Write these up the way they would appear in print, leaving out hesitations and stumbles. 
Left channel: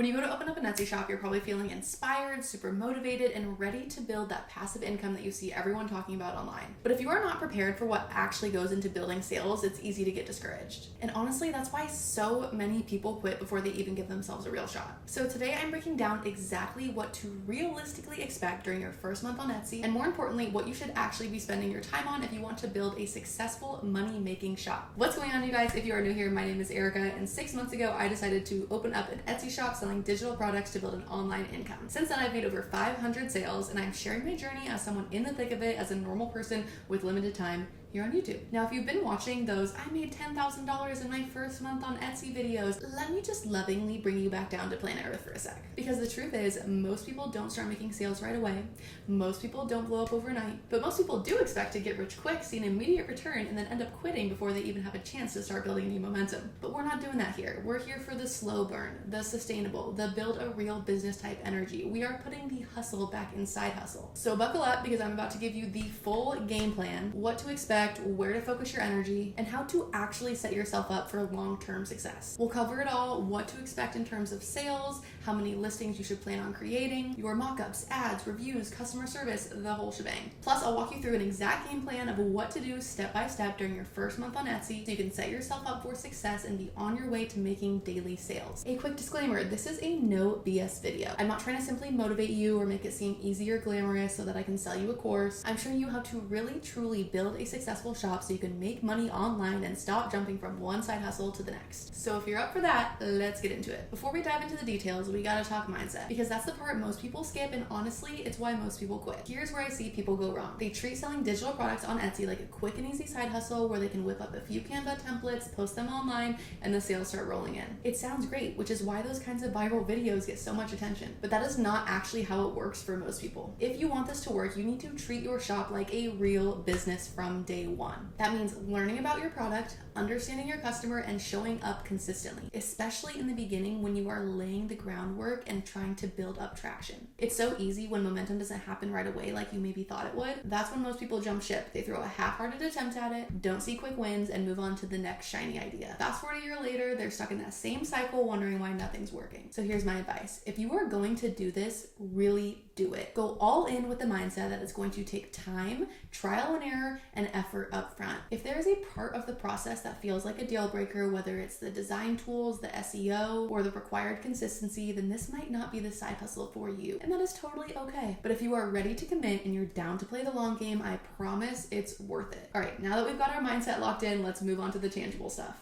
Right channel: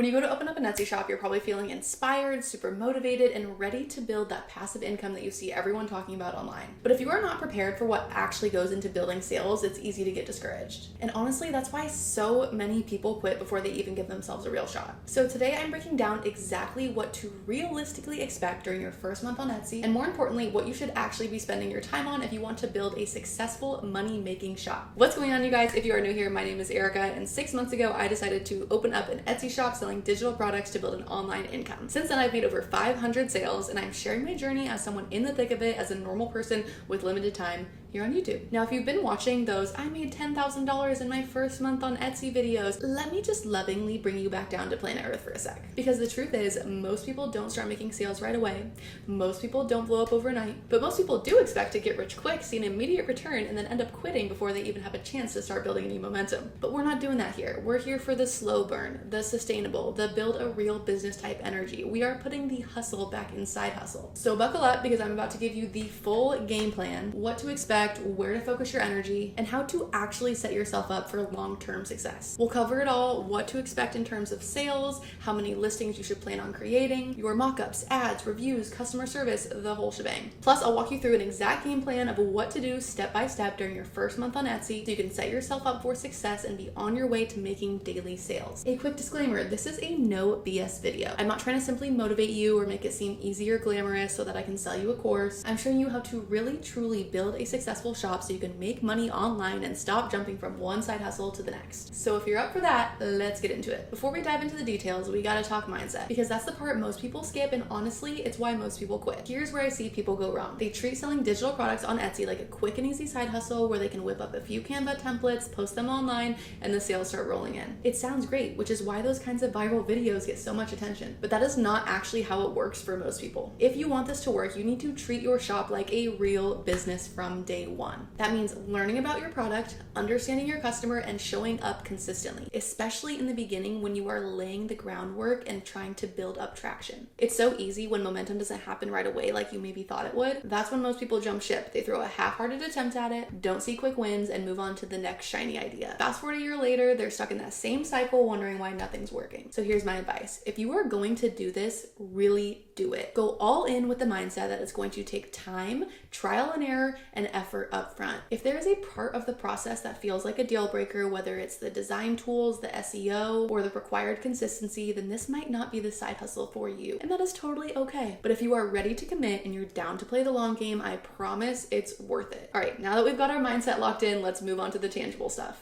When you go to open up an Etsy shop, you're probably feeling inspired, super motivated, and ready to build that passive income that you see everyone talking about online. But if you are not prepared for what actually goes into building sales, it's easy to get discouraged. And honestly, that's why so many people quit before they even give themselves a real shot. So today I'm breaking down exactly what to realistically expect during your first month on Etsy, and more importantly, what you should actually be spending your time on if you want to build a successful money-making shop. What's going on, you guys? If you are new here, my name is Erica, and 6 months ago, I decided to open up an Etsy shop selling digital products to build an online income. Since then, I've made over 500 sales, and I'm sharing my journey as someone in the thick of it, as a normal person with limited time here on YouTube. Now, if you've been watching those I made $10,000 in my first month on Etsy videos, let me just lovingly bring you back down to planet Earth for a sec. Because the truth is, most people don't start making sales right away. Most people don't blow up overnight, but most people do expect to get rich quick, see an immediate return, and then end up quitting before they even have a chance to start building any momentum. But we're not doing that here. We're here for the slow burn, the sustainable, the build a real business type energy. We are putting the hustle back inside hustle. So buckle up, because I'm about to give you the full game plan, what to expect, where to focus your energy, and how to actually set yourself up for long-term success. We'll cover it all: what to expect in terms of sales, how many listings you should plan on creating, your mockups, ads, reviews, customer service, the whole shebang. Plus, I'll walk you through an exact game plan of what to do step by step during your first month on Etsy so you can set yourself up for success and be on your way to making daily sales. A quick disclaimer: this is a no BS video. I'm not trying to simply motivate you or make it seem easy or glamorous so that I can sell you a course. I'm showing you how to really truly build a successful shop so you can make money online and stop jumping from one side hustle to the next. So if you're up for that, let's get into it. Before we dive into the details, we gotta talk mindset, because that's the part most people skip, and honestly, it's why most people quit. Here's where I see people go wrong. They treat selling digital products on Etsy like a quick and easy side hustle where they can whip up a few Canva templates, post them online, and the sales start rolling in. It sounds great, which is why those kinds of viral videos get so much attention. But that is not actually how it works for most people. If you want this to work, you need to treat your shop like a real business from day one. That means learning about your product, understanding your customer, and showing up consistently, especially in the beginning when you are laying the groundwork and trying to build up traction. It's so easy when momentum doesn't happen right away like you maybe thought it would. That's when most people jump ship. They throw a half-hearted attempt at it, don't see quick wins, and move on to the next shiny idea. Fast forward a year later, they're stuck in that same cycle wondering why nothing's working. So here's my advice. If you are going to do this, really do it. Go all in with the mindset that it's going to take time, trial and error, and effort up front. If there is a part of the process that feels like a deal breaker, whether it's the design tools, the SEO, or the required consistency, then this might not be the side hustle for you. And that is totally okay. But if you are ready to commit and you're down to play the long game, I promise it's worth it. All right, now that we've got our mindset locked in, let's move on to the tangible stuff.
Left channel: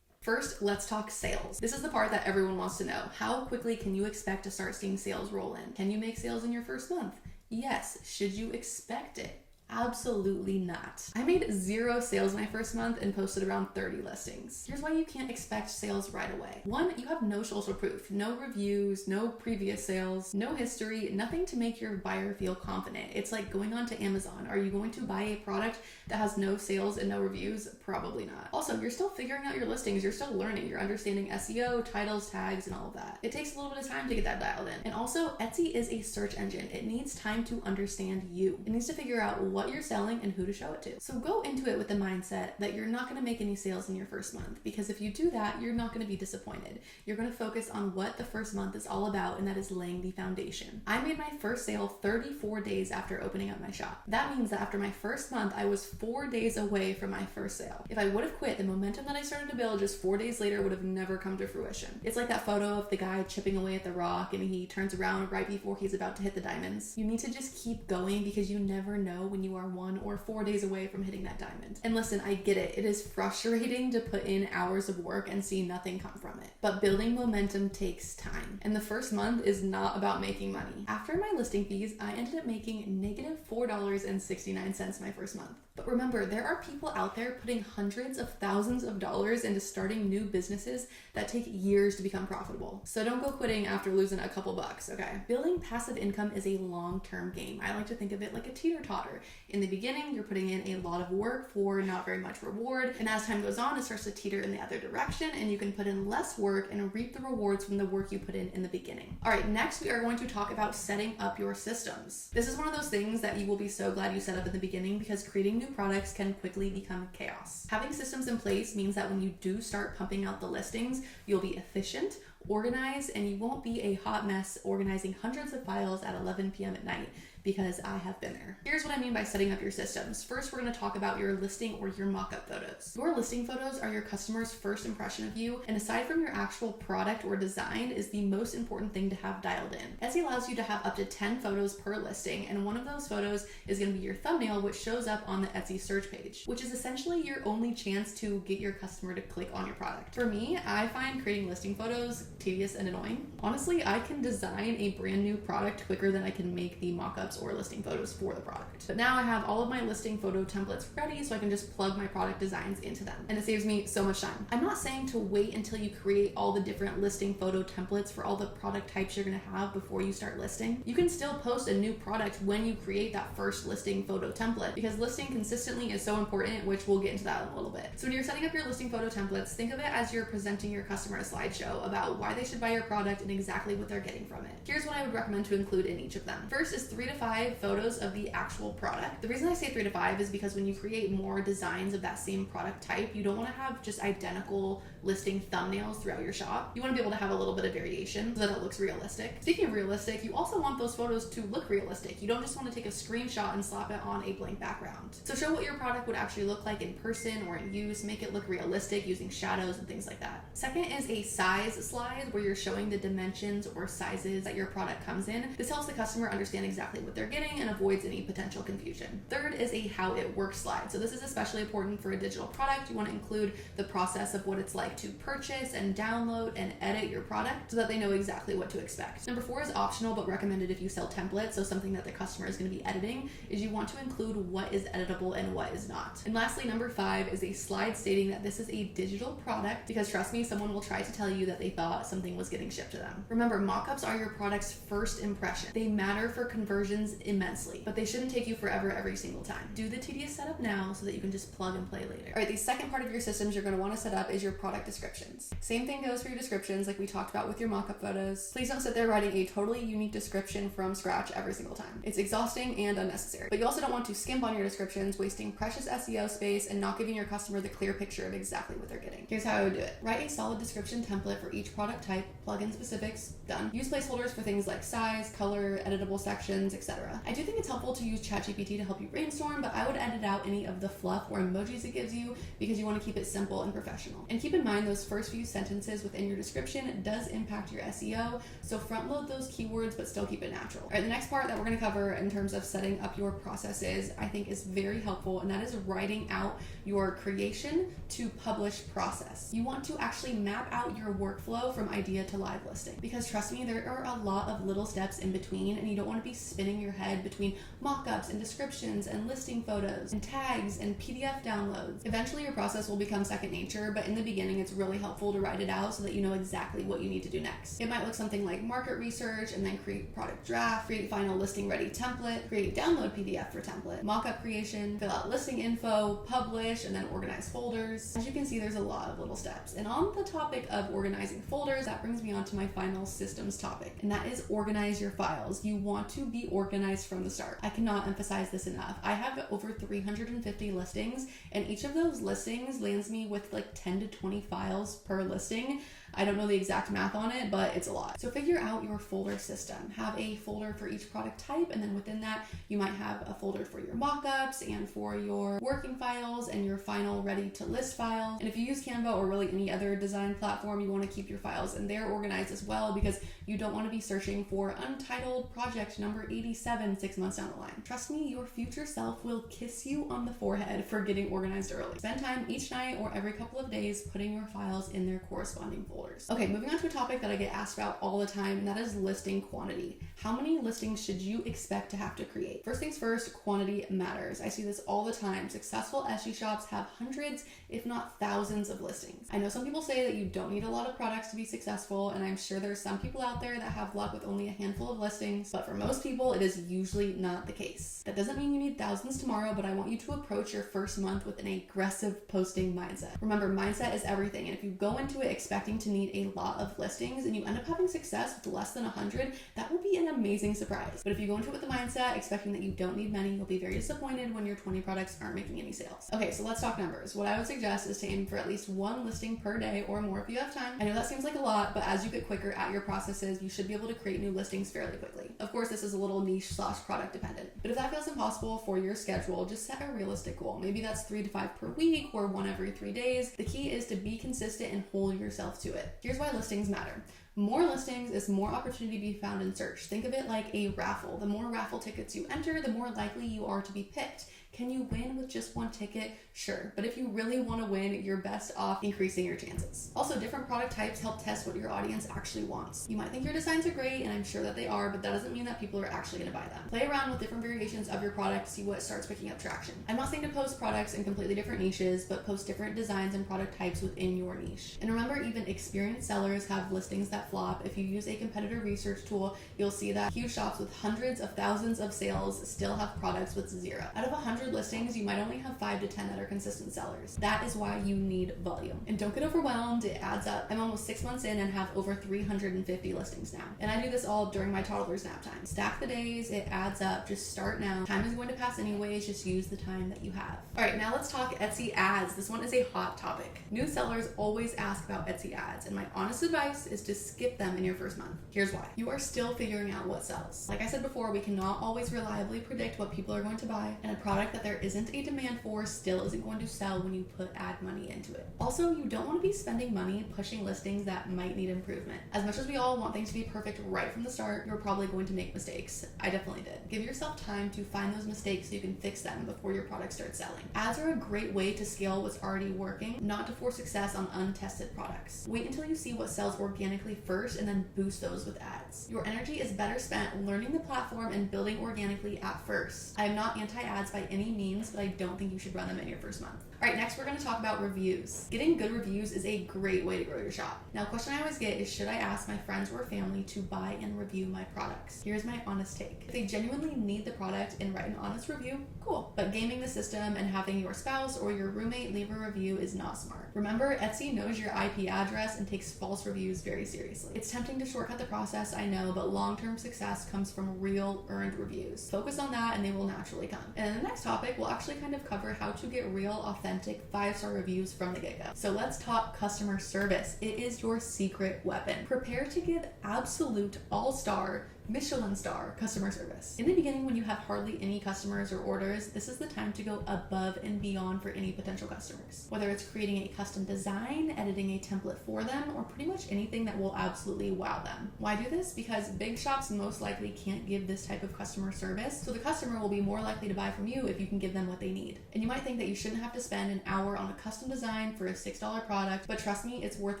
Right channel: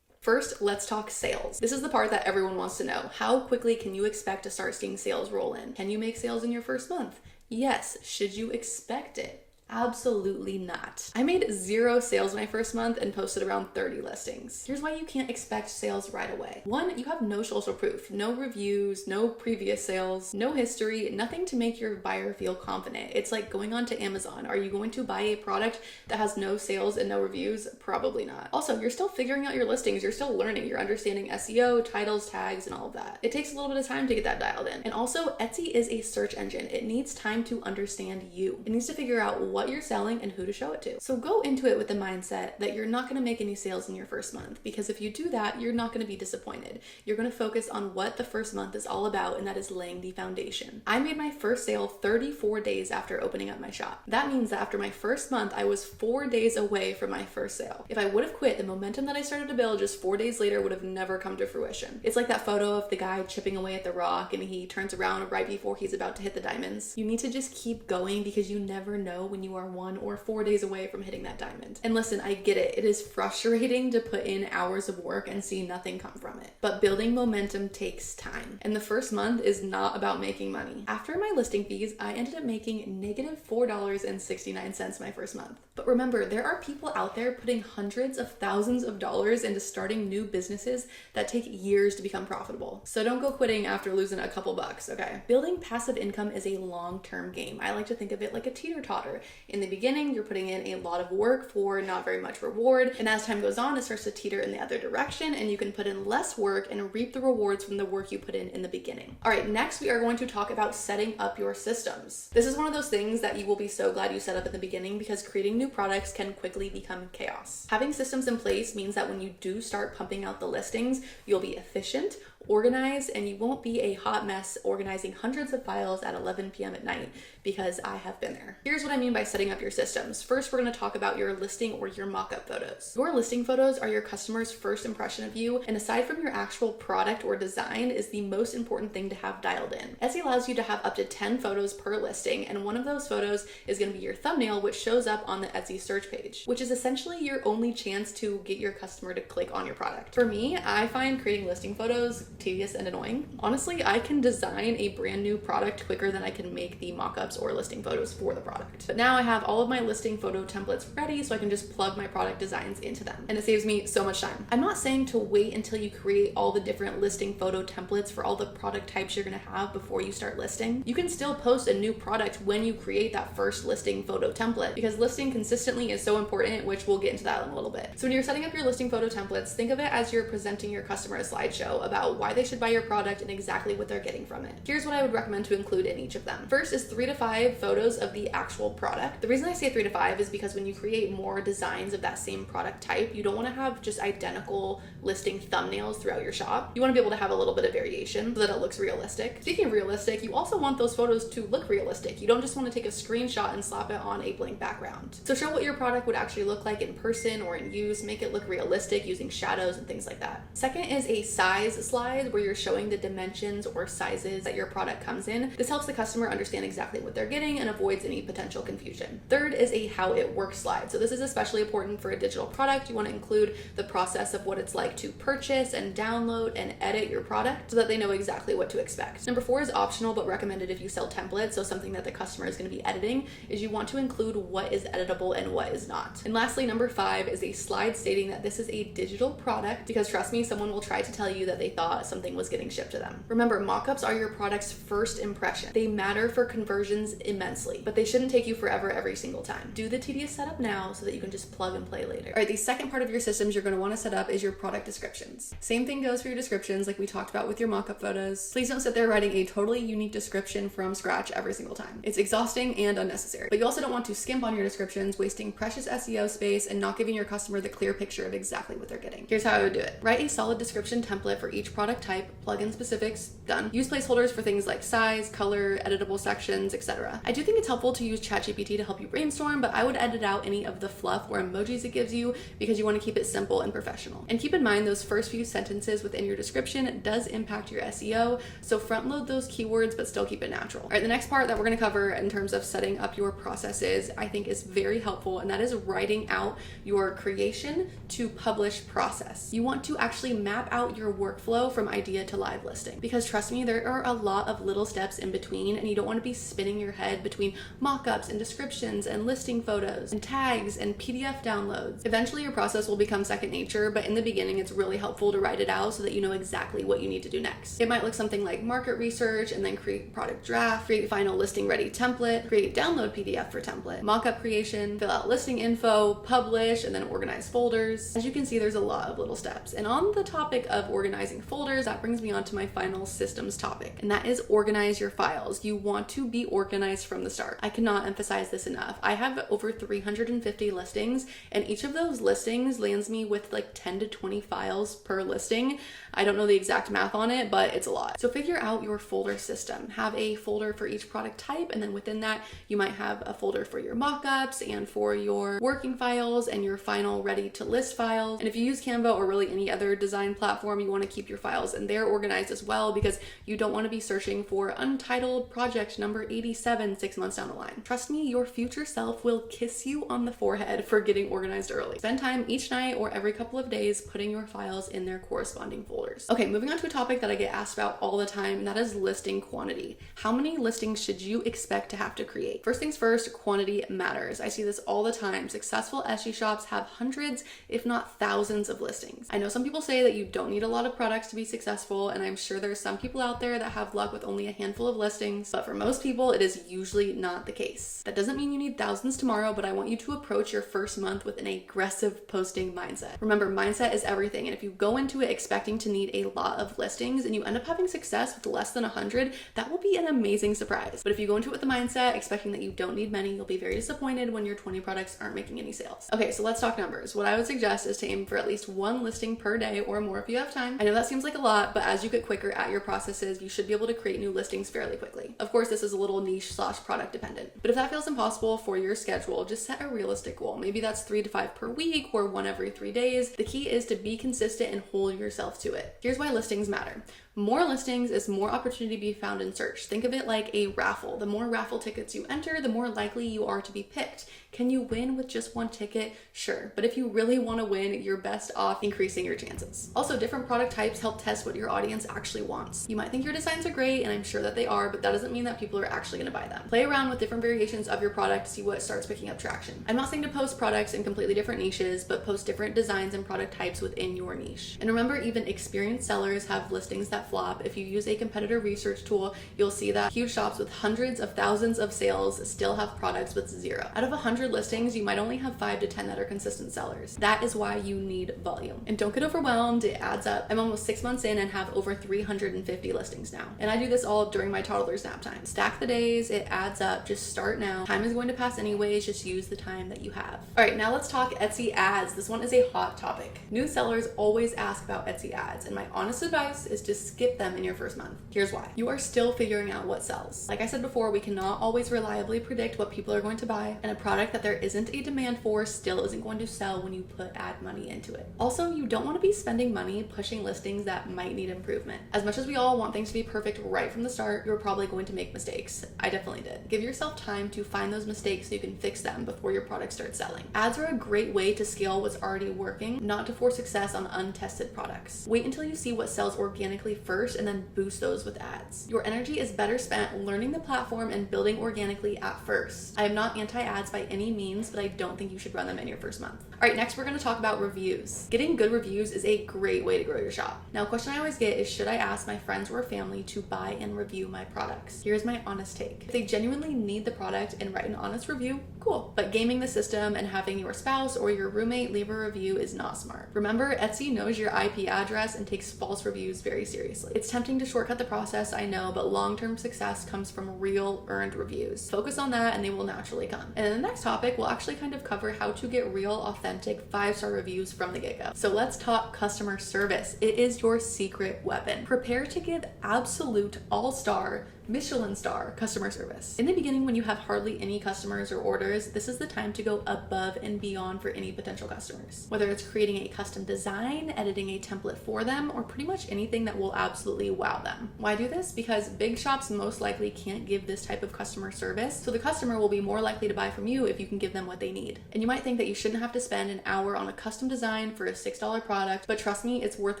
First, let's talk sales. This is the part that everyone wants to know. How quickly can you expect to start seeing sales roll in? Can you make sales in your first month? Yes. Should you expect it? Absolutely not. I made 0 sales my first month and posted around 30 listings. Here's why you can't expect sales right away. 1, you have no social proof, no reviews, no previous sales, no history, nothing to make your buyer feel confident. It's like going on to Amazon. Are you going to buy a product that has no sales and no reviews? Probably not. Also, you're still figuring out your listings. You're still learning. You're understanding SEO, titles, tags, and all of that. It takes a little bit of time to get that dialed in. And also, Etsy is a search engine. It needs time to understand you. It needs to figure out what you're selling and who to show it to. So go into it with the mindset that you're not going to make any sales in your first month, because if you do that, you're not going to be disappointed. You're going to focus on what the first month is all about, and that is laying the foundation. I made my first sale 34 days after opening up my shop. That means that after my first month, I was 4 days away from my first sale. If I would have quit, the momentum that I started to build just 4 days later would have never come to fruition. It's like that photo of the guy chipping away at the rock and he turns around right before he's about to hit the diamonds. You need to just keep going, because you never know when you are 1 or 4 days away from hitting that diamond. And listen, I get it. It is frustrating to put in hours of work and see nothing come from it. But building momentum takes time. And the first month is not about making money. After my listing fees, I ended up making negative $4.69 my first month. But remember, there are people out there putting hundreds of thousands of dollars into starting new businesses that take years to become profitable. So don't go quitting after losing a couple bucks, okay? Building passive income is a long-term game. I like to think of it like a teeter-totter. In the beginning, you're putting in a lot of work for not very much reward. And as time goes on, it starts to teeter in the other direction, and you can put in less work and reap the rewards from the work you put in the beginning. All right, next we are going to talk about setting up your systems. This is one of those things that you will be so glad you set up in the beginning, because creating new products can quickly become chaos. Having systems in place means that when you do start pumping out the listings, you'll be efficient, organized, and you won't be a hot mess organizing hundreds of files at 11 p.m. at night, because I have been there. Here's what I mean by setting up your systems. First, we're going to talk about your listing or your mock-up photos. Your listing photos are your customer's first impression of you, and aside from your actual product or design, is the most important thing to have dialed in. Etsy allows you to have up to 10 photos per listing, and one of those photos is going to be your thumbnail, which shows up on the Etsy search page, which is essentially your only chance to get your customer to click on your product. For me, I find creating listing photos tedious and annoying. Honestly, I can design a brand new product quicker than I can make the mock-ups or listing photos for the product. But now I have all of my listing photo templates ready, so I can just plug my product designs into them, and it saves me so much time. I'm not saying to wait until you create all the different listing photo templates for all the product types you're gonna have before you start listing. You can still post a new product when you create that first listing photo template, because listing consistently is so important, which we'll get into that in a little bit. So when you're setting up your listing photo templates, think of it as you're presenting your customer a slideshow about why they should buy your product and exactly what they're getting from it. Here's what I would recommend to include in each of them. First is 3 to 5 photos of the actual product. The reason I say 3 to 5 is because when you create more designs of that same product type, you don't want to have just identical listing thumbnails throughout your shop. You want to be able to have a little bit of variation so that it looks realistic. Speaking of realistic, you also want those photos to look realistic. You don't just want to take a screenshot and slap it on a blank background. So show what your product would actually look like in person or in use, make it look realistic using shadows and things like that. Second is a size slide where you're showing the dimensions or sizes that your product comes in. This helps the customer understand exactly what they're getting and avoids any potential confusion. Third is a how it works slide. So this is especially important for a digital product. You want to include the process of what it's like to purchase and download and edit your product so that they know exactly what to expect. Number 4 is optional but recommended if you sell templates, so something that the customer is going to be editing, is you want to include what is editable and what is not. And lastly, number 5 is a slide stating that this is a digital product, because trust me, someone will try to tell you that they thought something was getting shipped to them. Remember, mock-ups are your product's first impression. They matter for conversions immensely, but they shouldn't take you forever every single time. Do the tedious setup now so that you can just plug and play later. All right, the second part of your systems you're going to want to set up is your product descriptions. Same thing goes for your descriptions like we talked about with your mock-up photos. Please don't sit there writing a totally unique description from scratch every single time. It's exhausting and unnecessary. But you also don't want to skimp on your descriptions, wasting precious SEO space and not giving your customer the clear picture of exactly what they're getting. Here's how I would do it. Write a solid description template for each product type, plug in specifics, done. Use placeholders for things like size, color, editable sections, etc. I do think it's helpful to use ChatGPT to help you brainstorm, but I would edit out any of the fluff or emojis it gives you because you want to keep it simple and professional. And keep in mind those first few sentences within your description does impact your SEO, so front load those keywords but still keep it natural. All right, the next part that we're going to cover in terms of setting up your processes I think is very helpful, and that is writing out your creation to publish process. You want to actually map out your workflow from idea to live listing, because trust me, there are a lot of little steps in between, and you don't want to be spinning your head between mock-ups and descriptions and listing photos and tags and PDF downloads. Eventually your process will become second nature, but in the beginning it's really helpful to write it out so that you know exactly what you need to do next. It might look something like market research, and then create product draft, create final listing ready template, create download PDF for template, mock-up creation, fill out listing info, publish, and then organize folders. As you can see, there's a lot of little steps. And on the topic of organizing folders, that brings me on to my final systems topic, and that is organize your files. You want to be organized from the start. I cannot emphasize this enough. I have over 350 listings, and each of those listings lands me with like 10 to 20 files per listing. I don't know the exact math on it, but it's a lot. So figure out your folder system. Have a folder for each product type, and then within that, you might have a folder for your mockups and for your working files and your final ready to list files. And if you use Canva or really any other design platform, you want to keep your files in there organized as well, because you don't want to be searching for untitled project number 87 6 months down the line. Trust me, your future self will kiss you on the forehead for getting organized early. Spend time each night or every couple of days putting your files in their corresponding folders. Okay, moving on to a topic that I get asked about all the time, and that is listing quantity. How many listings should you expect to have to create? First things first, quantity matters. I see this all the time. Successful Etsy shops have hundreds, if not thousands of listings. I know some people say that you don't need a lot of products to be successful, and I'm sure there's some people out there that have luck with only a handful of listings, but for most people, it is usually not the case. That doesn't mean you need thousands tomorrow, but I want you to approach your first month with an aggressive posting mindset. Remember, mindset is everything everything. And if you go into it expecting to need a lot of listings and you end up having success with less than 100, that will be an amazing surprise. But if you go into it with the mindset expecting that you don't need many, you'll be very disappointed when your 20 products aren't making any sales. Okay, so let's talk numbers. What I would suggest is to aim for at least 1 listing per day or more if you have time. I know that seems like a lot, but as you get quicker at your processes, you should be able to create new listings fairly quickly. Of course, this is a little niche/product dependent, but if that feels impossible for your schedule, just set a realistic goal. Maybe that's 3 to 5 per week or 1 every 3 days. The key is to be consistent and hold yourself to it. Here's why listings matter. More listings is more opportunity to be found and searched. Think of it like a raffle. The more raffle tickets you enter, the more likely you are to be picked. Can you win with just 1 ticket? Sure. But if you really want to win, you're best off increasing your chances. Also, different product types help test what your audience actually wants. You might think your designs are great, and I'm sure that they are, but that doesn't mean that people are actually going to buy them. Play around with different variations of your product to see what starts picking up traction. I'm not saying to post products in completely different niches, but post different designs and product types within your niche. And remember, even experienced sellers have listings that flop. If you use a competitor research tool, you'll see that huge shops with hundreds of thousands of sales still have products with 0. Out of 100 listings, you might only have 5 to 10 that are consistent sellers. That is why you need volume. And don't get overwhelmed, it adds up. I'm almost 6 months in and have over 350 listings now. And I do this all during my toddler's nap time. Stack the days, it adds up, just start now. Time is going to pass anyways, just use the time that you have. All right, now let's talk Etsy ads. This one is a hot topic. New sellers always ask about Etsy ads, and my honest advice is to skip them in your first month. Here's why. You are still figuring out what sells. Like I said before, we cannot always reliably predict what people are going to buy, and a product that there isn't a demand for still isn't going to sell when you put ad money into it. Also, you don't want to be spending money pushing listings that might need improvement. As much as we all want things to be perfect right from the start, you're probably going to make mistakes. I definitely did. Give yourself time to find those mistakes so you can fix them before your product starts selling. Ads are a great way to scale what's already working, not to force success on untested products. Wait until you see what sells organically first and then boost those with ads. Your energy is better spent learning the platform and building organically at first. I am not anti-ads by any means, but I don't think you should run them in your first month. All right, next we're going to talk about reviews. Getting good reviews is a great way to grow your shop. Now, a question I always get is, should I ask my friends or family to buy and review my products? Here's my honest take. If they genuinely need the product and write an honest review, cool. But gaming the system and having your spouse or your roommate leave a review is not smart. Remember, Etsy knows your IP address and takes false reviews very seriously. It's tempting to shortcut the process, I know, but long-term success comes from real earned reviews. Focus on that and they will naturally come. And in the next topic, we'll actually kind of cover how to get real, authentic 5-star reviews from the get-go. So let's talk customer service. It is your secret weapon. Prepare to give absolute all-star Michelin star customer service. In the beginning, when you have hardly any customers or orders, this is the time to go above and beyond for any potential customers. Whether it's creating a custom design, editing a template for them, or pretty much anything that will absolutely wow them. Why do this? Because big shops most likely can't give this type of customer service, so the customer will be more likely to buy from you if you can give them what they need. And you might think that you shouldn't have to spend an hour on a custom design for a $6 product, but trust me, it's worth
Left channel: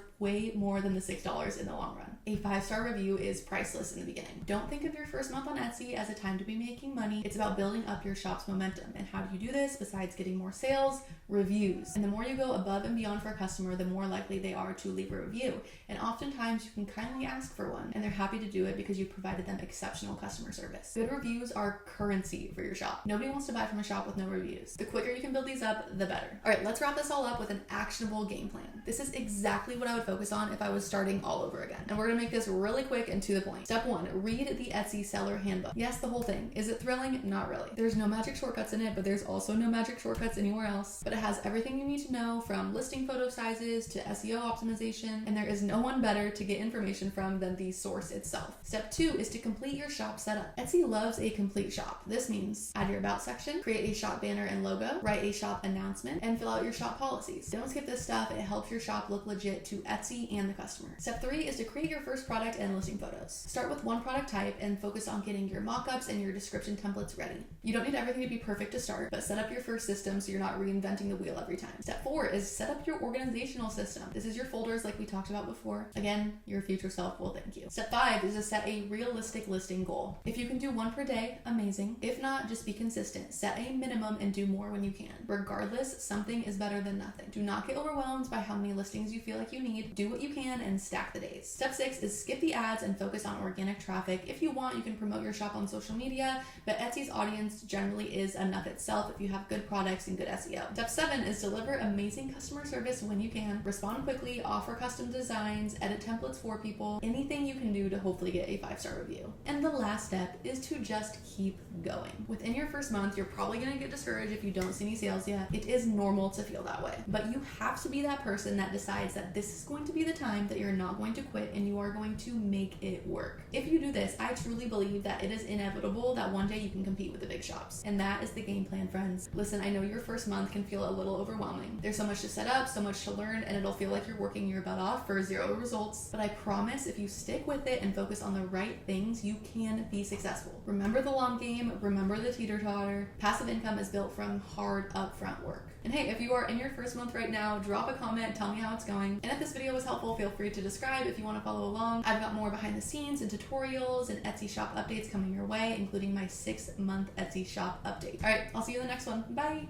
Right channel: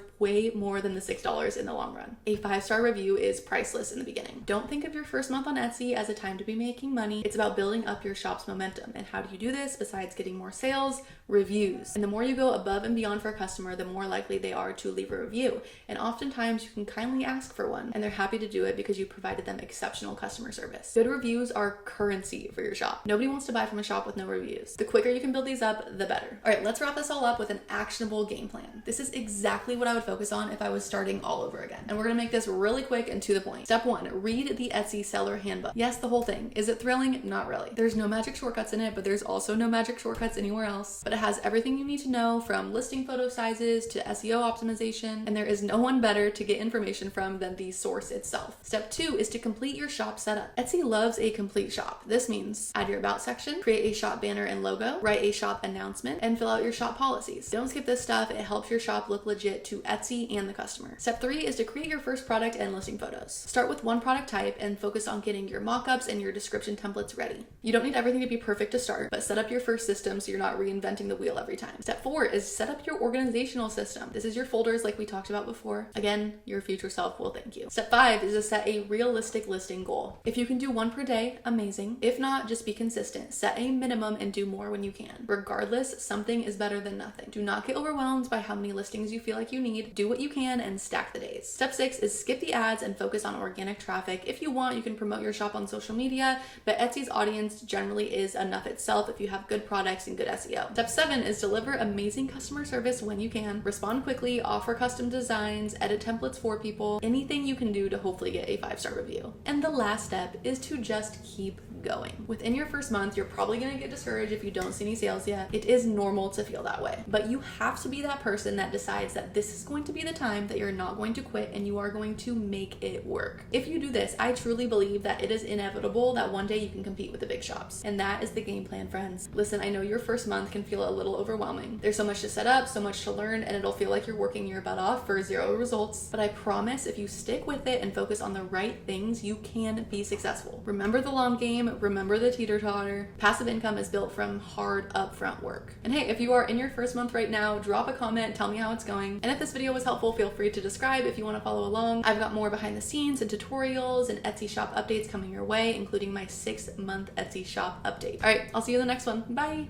way more than the $6 in the long run. A 5-star review is priceless in the beginning. Don't think of your first month on Etsy as a time to be making money. It's about building up your shop's momentum. And how do you do this besides getting more sales? Reviews. And the more you go above and beyond for a customer, the more likely they are to leave a review. And oftentimes you can kindly ask for one, and they're happy to do it because you provided them exceptional customer service. Good reviews are currency for your shop. Nobody wants to buy from a shop with no reviews. The quicker you can build these up, the better. All right, let's wrap this all up with an actionable game plan. This is exactly what I would focus on if I was starting all over again. And we're gonna make this really quick and to the point. Step 1, read the Etsy seller handbook. Yes, the whole thing. Is it thrilling? Not really. There's no magic shortcuts in it, but there's also no magic shortcuts anywhere else. But it has everything you need to know, from listing photo sizes to SEO optimization, and there is no one better to get information from than the source itself. Step 2 is to complete your shop setup. Etsy loves a complete shop. This means add your about section, create a shop banner and logo, write a shop announcement, and fill out your shop policies. Don't skip this stuff. It helps your shop look legit to Etsy and the customer. Step 3 is to create your first product and listing photos. Start with one product type and focus on getting your mockups and your description templates ready. You don't need everything to be perfect to start, but set up your first system so you're not reinventing the wheel every time. Step 4 is set up your organizational system. This is your folders like we talked about before. Again, your future self will thank you. Step 5 is to set a realistic listing goal. If you can do one per day, amazing. If not, just be consistent. Set a minimum and do more when you can. Regardless, something is better than nothing. Do not get overwhelmed by how many listings you feel like you need. Do what you can and stack the days. Step 6 is skip the ads and focus on organic traffic Like, if you want, you can promote your shop on social media, but Etsy's audience generally is enough itself if you have good products and good SEO. Step 7 is deliver amazing customer service when you can. Respond quickly, offer custom designs, edit templates for people, anything you can do to hopefully get a 5-star review. And the last step is to just keep going. Within your first month, you're probably gonna get discouraged if you don't see any sales yet. It is normal to feel that way, but you have to be that person that decides that this is going to be the time that you're not going to quit and you are going to make it work. If you do this, I truly believe that it is inevitable that one day you can compete with the big shops. And that is the game plan, friends. Listen, I know your first month can feel a little overwhelming. There's so much to set up, so much to learn, and it'll feel like you're working your butt off for 0 results. But I promise if you stick with it and focus on the right things, you can be successful. Remember the long game, remember the teeter-totter. Passive income is built from hard upfront work. And hey, if you are in your first month right now, drop a comment, tell me how it's going. And if this video was helpful, feel free to subscribe if you want to follow along. I've got more behind the scenes and tutorials and Etsy shop updates coming your way, including my 6-month Etsy shop update. All right, I'll see you in the next one. Bye.